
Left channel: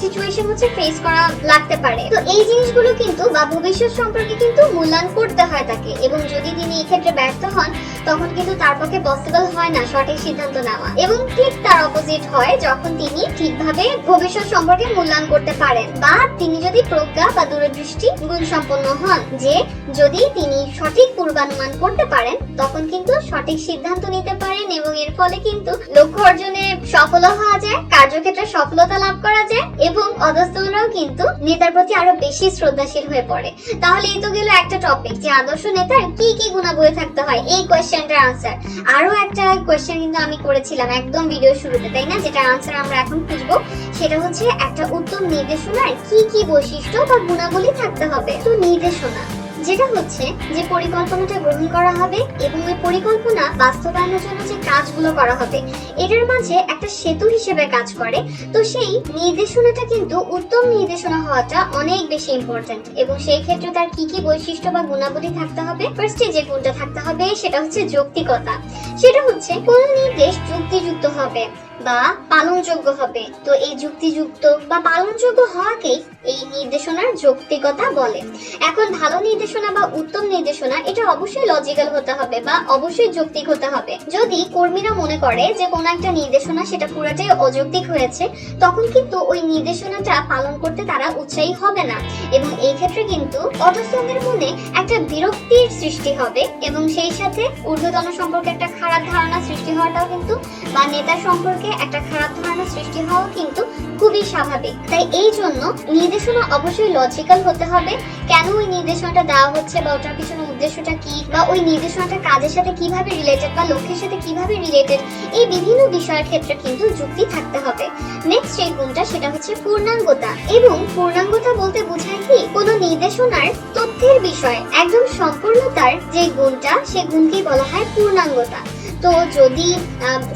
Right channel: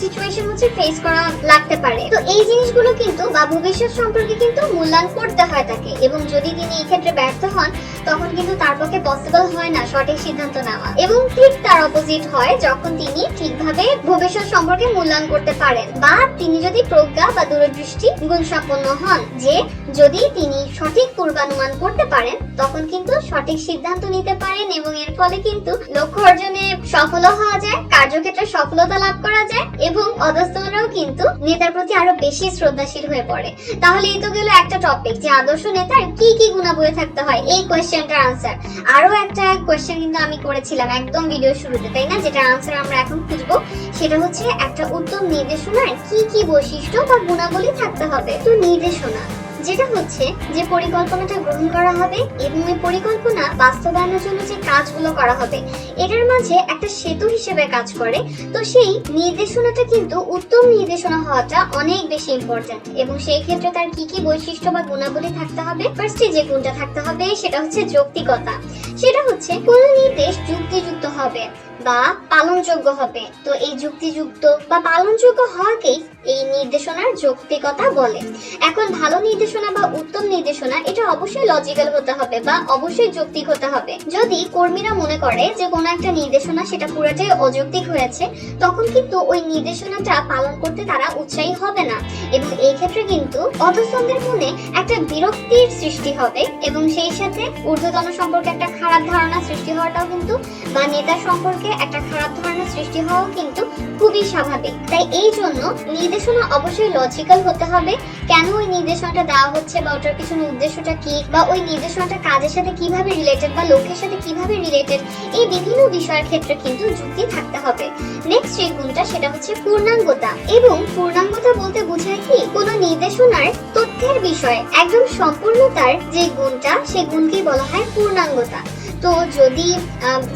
সিচুয়েশন ফেস করা লাগতে পারে। তো এই জিনিসগুলো কিন্তু বা ভবিষ্যৎ সম্পর্কে কিন্তু মূল্যায়ন করতে হয় তাকে, এবং যদি তিনি এই ক্ষেত্রে ব্যর্থ হন তখন কিন্তু তার পক্ষে পসিবল হয় না সঠিক সিদ্ধান্ত নেওয়া। এবং ঠিক তার অপোজিট হয় যখন তিনি ঠিকভাবে ভবিষ্যৎ সম্পর্কে মূল্যায়ন করতে পারেন বা তিনি যদি প্রজ্ঞা বা দূরদৃষ্টি গুণ সম্পন্ন হন, যে যদি তিনি সঠিক পূর্বানুমান করতে পারেন তখন কিন্তু সঠিক সিদ্ধান্ত নিতে পারেন এবং এর ফলে কিন্তু লক্ষ্য অর্জনে সফল হওয়া যায়, কার্যক্ষেত্রে সফলতা লাভ করা যায় এবং অধস্তনরাও কিন্তু নেতার প্রতি আরো বেশি শ্রদ্ধাশীল হয়ে পড়ে। তাহলে এই তো গেল একটা টপিক যে আদর্শ নেতার কি কি গুণাবলী থাকতে হয়, এই কোয়েশ্চেনটার আনসার। আরো একটা কোয়েশ্চেন কিন্তু আমি করেছিলাম একদম ভিডিও শুরুতে, তাই না, যেটা আনসার আমরা এখন খুঁজবো। সেটা হচ্ছে একটা উত্তম নির্দেশনার কি কি বৈশিষ্ট্য বা গুণাবলী থাকতে হবে। তো নির্দেশনা যেটা হচ্ছে যে পরিকল্পনাটা গ্রহণ করা হবে এবং এই পরিকল্পনা বাস্তবায়নের জন্য যে কাজগুলো করা হবে এটার মাঝে একটা সেতু হিসেবে কাজ করে। তো সেই নির্দেশনাটা কিন্তু উত্তম নির্দেশনা হওয়াটা অনেক বেশি ইম্পর্টেন্ট এবং সেই ক্ষেত্রে তার কি কি বৈশিষ্ট্য বা গুণাবলী থাকতে হবে। ফার্স্টে যে গুণটা থাকতে হবে সেটা হচ্ছে যৌক্তিকতা। সেটা হচ্ছে কোন নির্দেশ যুক্তিযুক্ত হবে বা পালনযোগ্য হবে। তো এই যুক্তিযুক্ত বা পালনযোগ্য হওয়াকেই এই নির্দেশনার যৌক্তিকতা বলে। এখন ভালো নির্দেশনা বা উত্তম নির্দেশনা এটা অবশ্যই লজিক্যাল হতে হবে বা অবশ্যই যৌক্তিক হতে হবে। যদি কর্মীরা মনে করে যে কোনো একটা নির্দেশনা সেটা পুরোটাই অযৌক্তিক হয়েছে তখন কিন্তু ওই নির্দেশনাটা পালন করতে তারা উৎসাহী হবে না এবং এই ক্ষেত্রে কিন্তু অধস্তনদের মনে একটা বিরক্তির সৃষ্টি হবে এবং সেই সাথে ঊর্ধ্বতন সম্পর্কে একটা খারাপ ধারণা সৃষ্টি হওয়াটাও কিন্তু বা নেতা সম্পর্কে একটা খারাপ ধারণা সৃষ্টি হওয়াও কিন্তু খুবই স্বাভাবিক। তাই এই জন্য নির্দেশনা অবশ্যই লজিক্যাল হতে হবে, কেন ওই নির্দেশনাটা দেওয়া হচ্ছে বা ওটার পিছনে উদ্দেশ্যটা কি বা ওই নির্দেশনাটা কাজের সাথে কিভাবে রিলেটেড বা লক্ষ্যের সাথে কিভাবে রিলেটেড, এই বিভিন্ন বিষয়ের ক্ষেত্রে কিন্তু যুক্তি থাকতে হবে। নেক্সট যে গুণটা সেটা হচ্ছে পূর্ণাঙ্গতা। এবং পূর্ণাঙ্গতা বলতে বোঝায় কি কোনো নির্দেশনার তথ্যের বিষয় একদম সম্পূর্ণতার যে গুণটা সেই গুণকে বলা হয় পূর্ণাঙ্গতা। তো যদি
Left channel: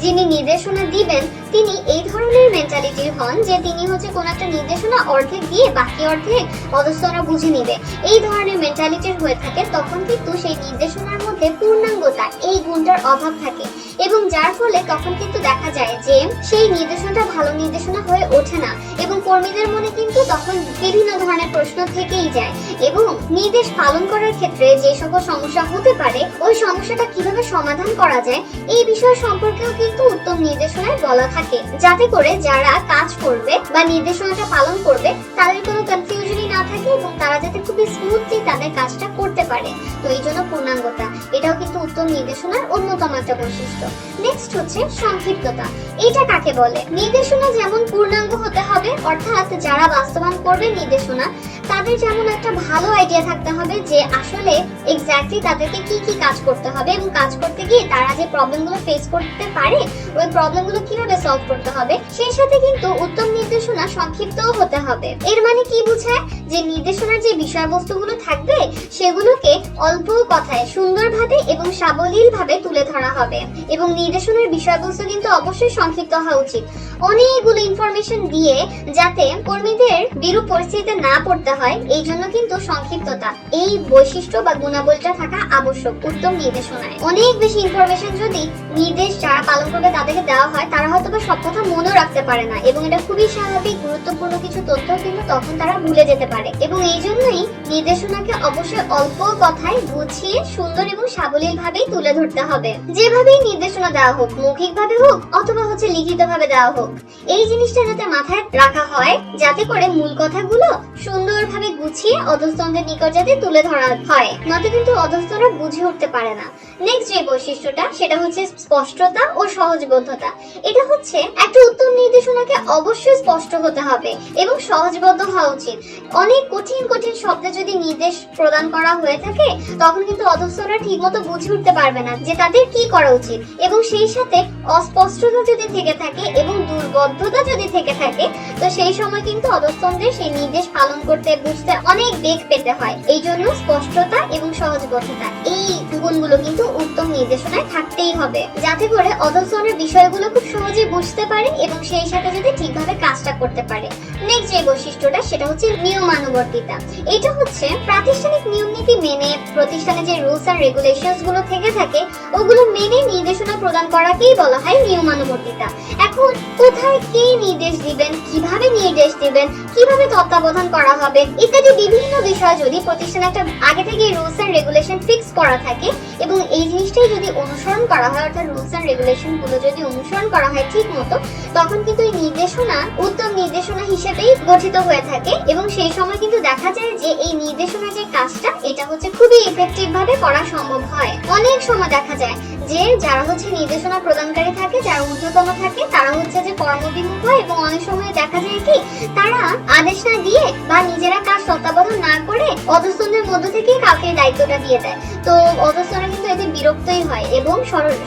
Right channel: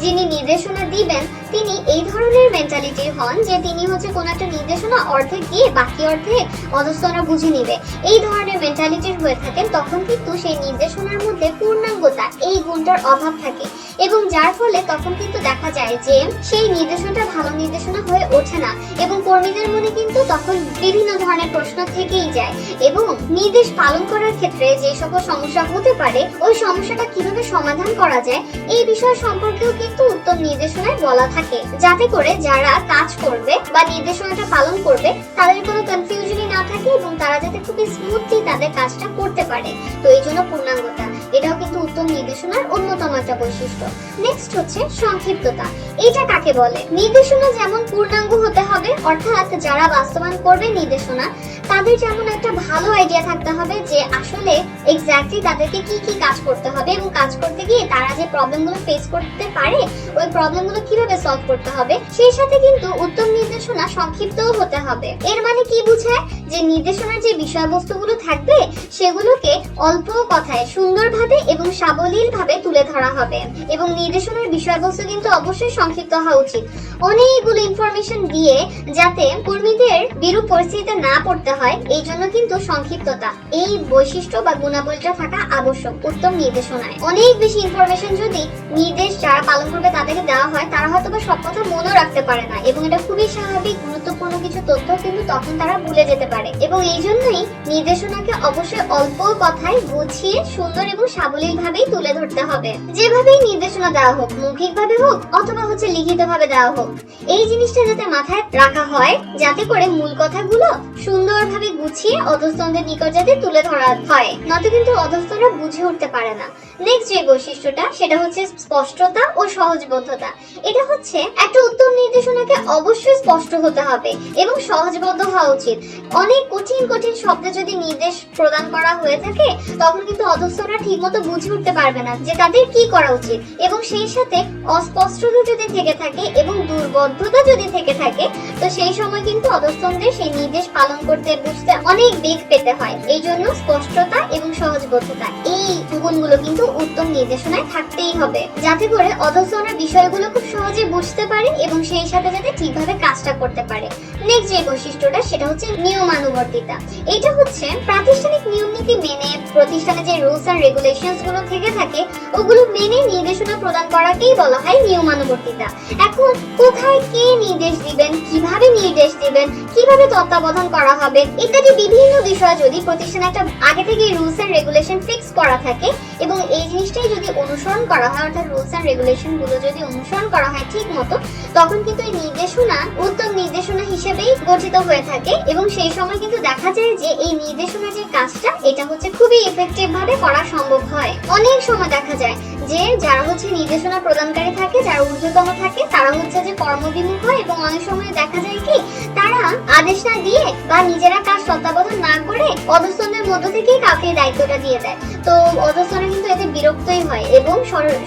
যিনি নির্দেশনা দিবেন তিনি এই ধরনের মেন্টালিটির হন যে তিনি কোনো একটা নির্দেশনা অর্ধেক দিয়ে বাকি অর্ধে অধস্তনরা বুঝে নেবে, এই ধরনের মেন্টালিটির হয়ে থাকেন তখন কিন্তু সেই নির্দেশনার মধ্যে পূর্ণাঙ্গতা এই গুণটার অভাব থাকে এবং যার ফলে তখন কিন্তু দেখা যায় যে সেই নির্দেশনাটা ভালো নির্দেশনা হয়ে ওঠে না এবং কর্মীদের মনে কিন্তু তখন বিভিন্ন ধরনের প্রশ্ন থেকেই যায় এবং নির্দেশ পালন করার ক্ষেত্রে যে সকল সমস্যা হতে পারে ওই সমস্যাটা কিভাবে সমাধান করা যায় এই বিষয় সম্পর্কেও কিন্তু উত্তম নির্দেশনায় বলা থাকে, যাতে করে যারা কাজ করবে বা নির্দেশনাটা পালন করবে তাদের কোনো কনফিউশনই না থাকে এবং তারা যাতে খুব স্মুথলি তাদের কাজটা করতে পারে। তো এই জন্য পূর্ণাঙ্গতা এটাও কিন্তু উত্তম নির্দেশনার অন্যতম একটা বৈশিষ্ট্য। নেক্সট হচ্ছে সংক্ষিপ্ততা। এটা কাকে বলে? নির্দেশনা যেমন পূর্ণাঙ্গ হতে হবে, অর্থাৎ যারা বাস্তবায়ন করবে নির্দেশনা তাদের যেমন একটা ভালো আইডিয়া থাকতে হবে যে আসলে এক্স্যাক্টলি তাদেরকে কি কি কাজ করতে হবে এবং কাজ করতে গিয়ে তারা যে প্রবলেমগুলো ফেস করতে পারে ওই প্রবলেমগুলো কিভাবে সলভ করতে হবে। সেই সাথে কিন্তু উত্তম নির্দেশনা সংক্ষিপ্তও হতে হবে। এর মানে কি বোঝায়? যে নির্দেশনার যে বিষয়বস্তুগুলো থাকবে সেগুলোকে অল্প কথায় সুন্দরভাবে এবং সাবলীল সাবলীলভাবে তুলে ধরা হবে এবং নির্দেশনার বিষয়বস্তু কিন্তু অবশ্যই সংক্ষিপ্ত হওয়া উচিত। অনেকগুলো ইনফরমেশন দিয়ে যাতে কর্মীদের বিরূপ পরিস্থিতিতে না পড়তে হয়, এই জন্য কিন্তু সংক্ষিপ্ততা এই বৈশিষ্ট্য বা গুণাবলীটা থাকা আবশ্যক উত্তম নির্দেশনায়। অনেক বেশি ইনফরমেশন যদি নির্দেশ যারা পালন করবে তাদেরকে দেওয়া হয়, তারা হয়তো বা সব কথা মনে রাখতে পারে না এবং এটা খুবই স্বাভাবিক। গুরুত্বপূর্ণ কিছু তথ্য কিন্তু তখন তারা ভুলে যেতে পারে এবং এই জন্যই নির্দেশনাকে অবশ্যই অল্প কথায় বুঝিয়ে সুন্দর এবং সাবলীল ভাবেই তুলে ধরতে হবে। যেভাবেই নির্দেশনা দেওয়া হোক, মৌখিক ভাবে হোক অথবা লিখিত ভাবে দেওয়া হোক, এই জিনিসটা যাতে মাথায় রাখা হয় যাতে করে মূল কথাগুলো সুন্দরভাবে গুছিয়ে অধস্তনদের নিকট যাতে তুলে ধরা হয়, নয়তো কিন্তু অধস্তনরা বুঝে উঠতে পারে না। নেক্সট যে বৈশিষ্ট্যটা সেটা হচ্ছে স্পষ্টতা ও সহজবোধ্যতা। এটা হচ্ছে একটা উত্তম নির্দেশনাকে অবশ্যই স্পষ্ট হতে হবে এবং সহজবোধ্য হওয়া উচিত। অনেক কঠিন কঠিন শব্দে যদি নির্দেশ প্রদান করা হয়ে থাকে তখন কিন্তু অধস্তনরা ঠিকমতো বুঝে উঠতে পারবে না যে তাদের কি করা উচিত এবং সেই সাথে অস্পষ্টতা যদি থেকে থাকে এবং দুর্বোধ্যতা যদি থেকে থাকে তো সেই সময় কিন্তু অধস্তনদের সেই নির্দেশ পালন করতে বুঝতে অনেক বেগ পেতে হয়। এই জন্য স্পষ্টতা এবং সহজবোধ্যতা এই গুণগুলো কিন্তু উত্তম নির্দেশনায় থাকতেই হবে যাতে করে অধস্তনরা বিষয়গুলো খুব সহজে বুঝতে পারে এবং সেই সাথে যাতে ঠিকভাবে কাজটা করতে পারে। নেক্সট যে বৈশিষ্ট্যটা সেটা হচ্ছে নিয়মানুবর্তিতা। এটা হচ্ছে প্রাতিষ্ঠানিক নিয়ম নীতি মেনে প্রতিষ্ঠানে যে রুলস এন্ড রেগুলেশনস গুলো থেকে থাকে ওগুলো মেনে নির্দেশনা প্রদান করাকেই বলা হয় নিয়মানুবর্তিতা। এখন কোথায় কে নির্দেশ দিবেন, কিভাবে নির্দেশ দিবেন, কিভাবে তত্ত্বাবধান করা হবে ইত্যাদি বিভিন্ন বিষয় যদি প্রতিষ্ঠানে একটা আগে থেকে রুলস এন্ড রেগুলেশন ফিক্স করা থাকে এবং এই জিনিসটাই যদি অনুসরণ করা হয়, অর্থাৎ রুলস এন্ড রেগুলেশন গুলো যদি অনুসরণ করা হয় ঠিক মতো, তখন কিন্তু এই নির্দেশনা উত্তম নির্দেশনা হিসেবেই গঠিত হয়ে থাকে এবং সেই সময় কিন্তু দেখা যায় যে এই নির্দেশনা যে কাজটা এটা হচ্ছে খুবই এফেক্টিভ ভাবে করা সম্ভব হয়। অনেক সময় দেখা যায় যে যারা নির্দেশনা প্রদানকারী থাকে, যারা ঊর্ধ্বতন থাকে, তারা যে কর্মবিমুখ হয় এবং অনেক সময় দেখা যায় কি তারা আদেশ না দিয়ে বা নিজেরা কাজ তত্ত্বাবধান না করে অধস্তনদের মধ্য থেকে কাকে দায়িত্বটা দিয়ে দেয়। তো অধস্তনরা কিন্তু এতে বিরক্তই হয় এবং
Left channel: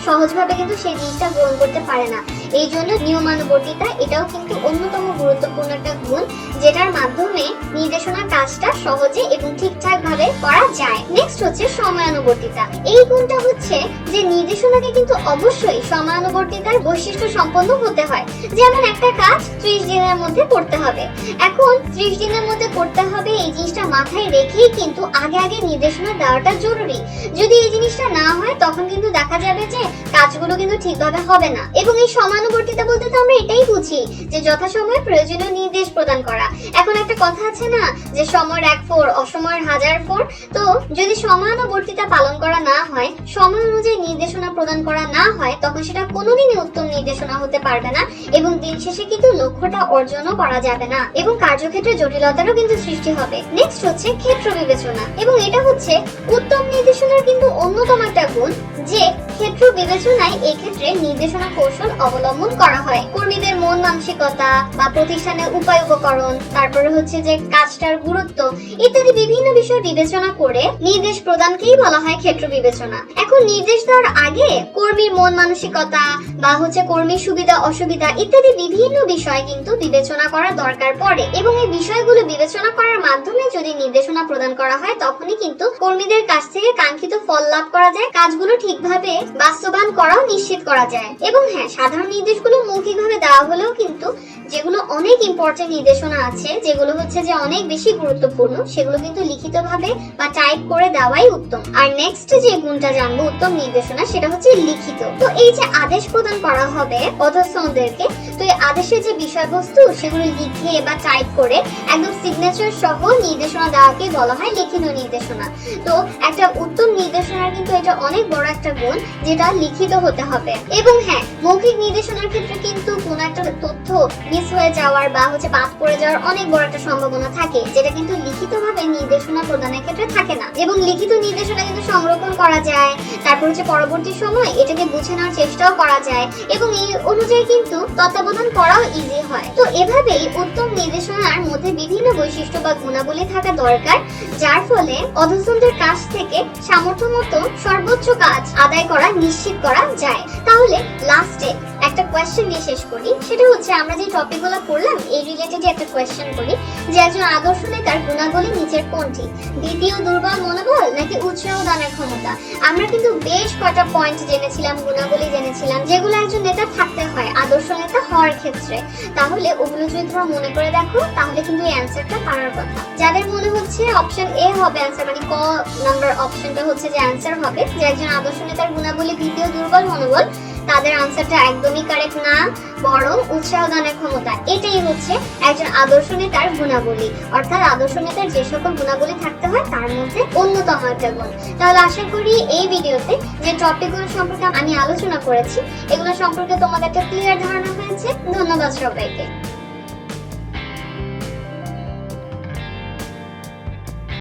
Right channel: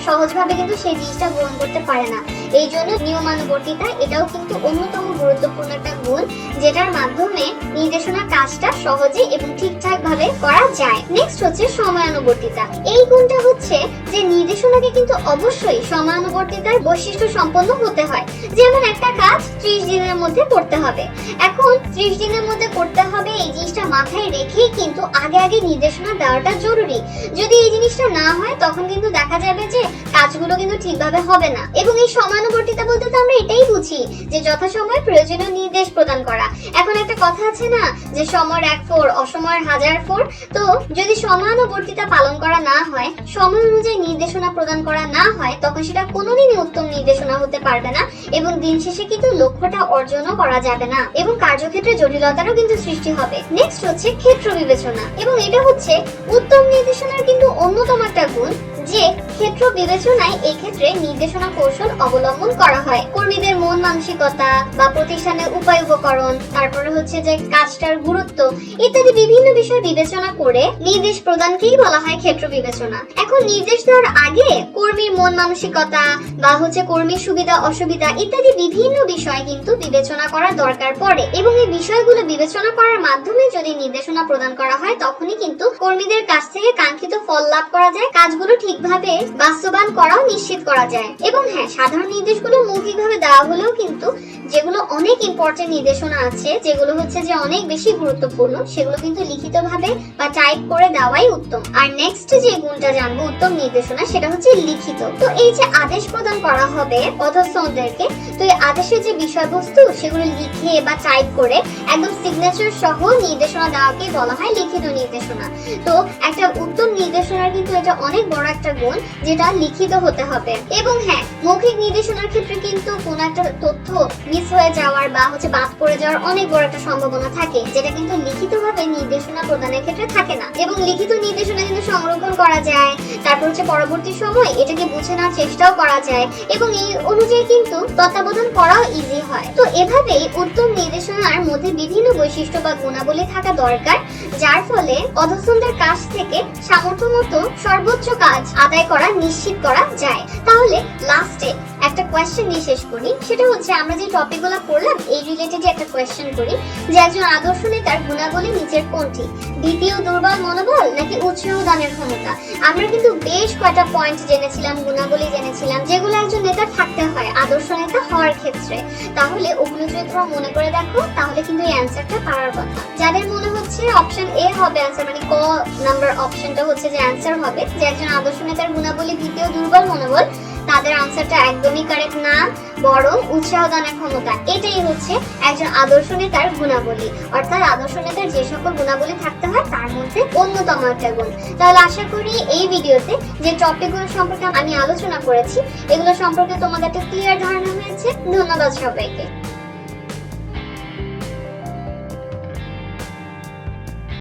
সহজভাবে কিন্তু সেই জিনিসটা গ্রহণ করতে পারে না। এই জন্য নিয়মানুবর্তিতা এটাও কিন্তু অন্যতম গুরুত্বপূর্ণ একটা গুণ যেটার মাধ্যমে নির্দেশনা কাজটা সহজে এবং ঠিকঠাক ভাবে করা যায়। নেক্সট হচ্ছে সময়ানুবর্তিতা। এই গুণটা হচ্ছে যে নির্দেশনাকে কিন্তু অবশ্যই সময়ানুবর্তিতার বৈশিষ্ট্য সম্পন্ন হতে হয়। যেমন একটা কাজ 30 দিনের মধ্যে করতে হবে, এখন 30 দিনের মধ্যে করতে হবে এই জিনিসটা মাথায় রেখেই কিন্তু আগে আগে নির্দেশনা দেওয়াটা জরুরি। যদি এই জিনিসটা না হয় তখন কিন্তু দেখা যাবে যে কাজগুলো কিন্তু ঠিকভাবে হবে না। এবং এই সময়ানুবর্তিতা বলতে তো আমরা এটাই বুঝি যে যথাসময়ে প্রয়োজনীয় নির্দেশ প্রদান করা। এখন একটা কথা আছে না যে সময়ের 1 ফোর অসময়ের 1000 ফোর। তো যদি সময়ানুবর্তিতা পালন করা না হয়, সময় অনুযায়ী নির্দেশনা প্রদান করা না হয়, তখন সেটা কোনোদিনই উত্তম নির্দেশনা হতে পারবে না এবং দিন শেষে কিন্তু লক্ষ্যটা অর্জনও করা যাবে না এবং কার্যক্ষেত্রে জটিলতারও কিন্তু সৃষ্টি হবে। নেক্সট হচ্ছে ক্ষেত্র বিবেচনা এবং এটা হচ্ছে উত্তম নির্দেশনার কিন্তু অন্যতম একটা গুণ যে ক্ষেত্র বিবেচনায় এই ক্ষেত্রে নির্দেশনা কৌশল অবলম্বন করা হয়। কর্মীদের মন মানসিকতা বা প্রতিষ্ঠানের উপায় উপকরণ, তারপরে হচ্ছে যে কাজটার গুরুত্ব ইত্যাদি বিভিন্ন বিষয় বিবেচনা করে নির্দেশ প্রদানকেই বলা হয় ক্ষেত্র বিবেচনা। এখন নির্দেশ দেওয়ার আগে কর্মীর মন মানসিকতা বা কর্মীর সুবিধা অসুবিধা ইত্যাদি বিভিন্ন বিষয় কিন্তু বিবেচনা করা দরকার পড়ে এবং এই বিষয়গুলো বিবেচনা করার মাধ্যমে যদি নির্দেশনা প্রদান করা হয় তখনই কিন্তু কর্মীদের কাছ থেকে কাঙ্ক্ষিত ফল লাভ করা যায়, কাজগুলো ঠিকভাবে বাস্তবায়ন করাও নিশ্চিত করা যায়। এবং হ্যাঁ, সাধারণ নির্দেশগুলো মৌখিকভাবে দেওয়া হলেও কিন্তু যেগুলো অনেক ইম্পর্টেন্ট নির্দেশনা আছে, যেগুলো যে অনেক বেশি গুরুত্বপূর্ণ, সেগুলো কিন্তু লিখিতভাবে বা টাইপ করে দেওয়াই উত্তম। আর নেক্সট যে গুণটা জানবো উত্তম নির্দেশনা সেটা হচ্ছে লিখিত। তো এই যে আদেশ প্রদান করা হবে অধস্তনদেরকে, তো এই আদেশের যে বিষয়বস্তু সেগুলো লিখে বা টাইপ করে একদম সিগনেচার সহ নির্দেশনা দেওয়াকে বলা হয় লিখিত নির্দেশনা। তো একটা উত্তম নির্দেশনার কিন্তু এটা অনেক বড় একটা গুণ যেটা লিখিত হতে হবে। এবং হ্যাঁ, মৌখিক নির্দেশনার ক্ষেত্রে কিন্তু কোনো একটা তথ্য মিস হয়ে যাওয়ার বা বাদ পড়ে যাওয়ার অনেক বড় একটা সম্ভাবনা থাকে, যেটা কিন্তু লিখিতভাবে নির্দেশনা প্রদানের ক্ষেত্রে থাকে না। এবং লিখিত নির্দেশনা কিন্তু সংরক্ষণ করা যায়, তারপর পরবর্তী সময় এটাকে বুঝে নেওয়ার চেষ্টাও করা যায় এবং এই অনুযায়ী কিন্তু তত্ত্বাবধান করাও ইজি হয়। তো এভাবেই উত্তম নির্দেশনার মধ্যে বিভিন্ন বৈশিষ্ট্য বা গুণাবলী থাকা দরকার, যার ফলে অধস্তনদের কাছ থেকে সামর্থ্য মতো সর্বোচ্চ কাজ আদায় করা নিশ্চিত করা যায়। তাহলে লাস্টে একটা কোয়েশ্চেন দিয়ে শেষ করি, সেটা হচ্ছে আমরা যে টপিকগুলো পড়লাম এই রিলেটেড একটা কোয়েশ্চেন করি যে একজন আদর্শ নেতার গুণাবলী নিচের কোনটি? দ্বিতীয় দুর্বল মনোবল নাকি উৎসাহ দানের ক্ষমতা? আমরা কিন্তু বেশ কয়টা পয়েন্ট জেনেছিলাম, গুণাবলী জেনেছিলাম যেগুলো একজন নেতার থাকতে হয় আদর্শ নেতা হওয়ার ক্ষেত্রে। তাহলে ওগুলো যদি তোমরা মনে করে দেখো তাহলে কিন্তু এই অ্যান্সারটা পারার কথা। যাদের মনে হচ্ছে অপশন এ হবে অ্যান্সার, মানে ক নাম্বার অপশনটা হচ্ছে যে অ্যান্সার হবে যে একজন আদর্শ নেতার গুণাবলী দ্বিতীয় দুর্বল মনোবল, তাদের আনসারটা একদমই কারেক্ট না, বরং উৎসাহ দানের ক্ষমতা এটাই হচ্ছে একজন আদর্শ নেতার গুণাবলী। অর্থাৎ আদর্শ নেতার যে সকল গুণাবলী থাকতে হয় তার মধ্যে অন্যতম একটা গুণ। তাহলে আশা করি এই ভিডিওতে যে টপিকগুলো সম্পর্কে আমি আলোচনা করেছি এগুলো সম্পর্কে তোমাদের একটা ক্লিয়ার ধারণা হয়েছে। ধন্যবাদ সবাইকে।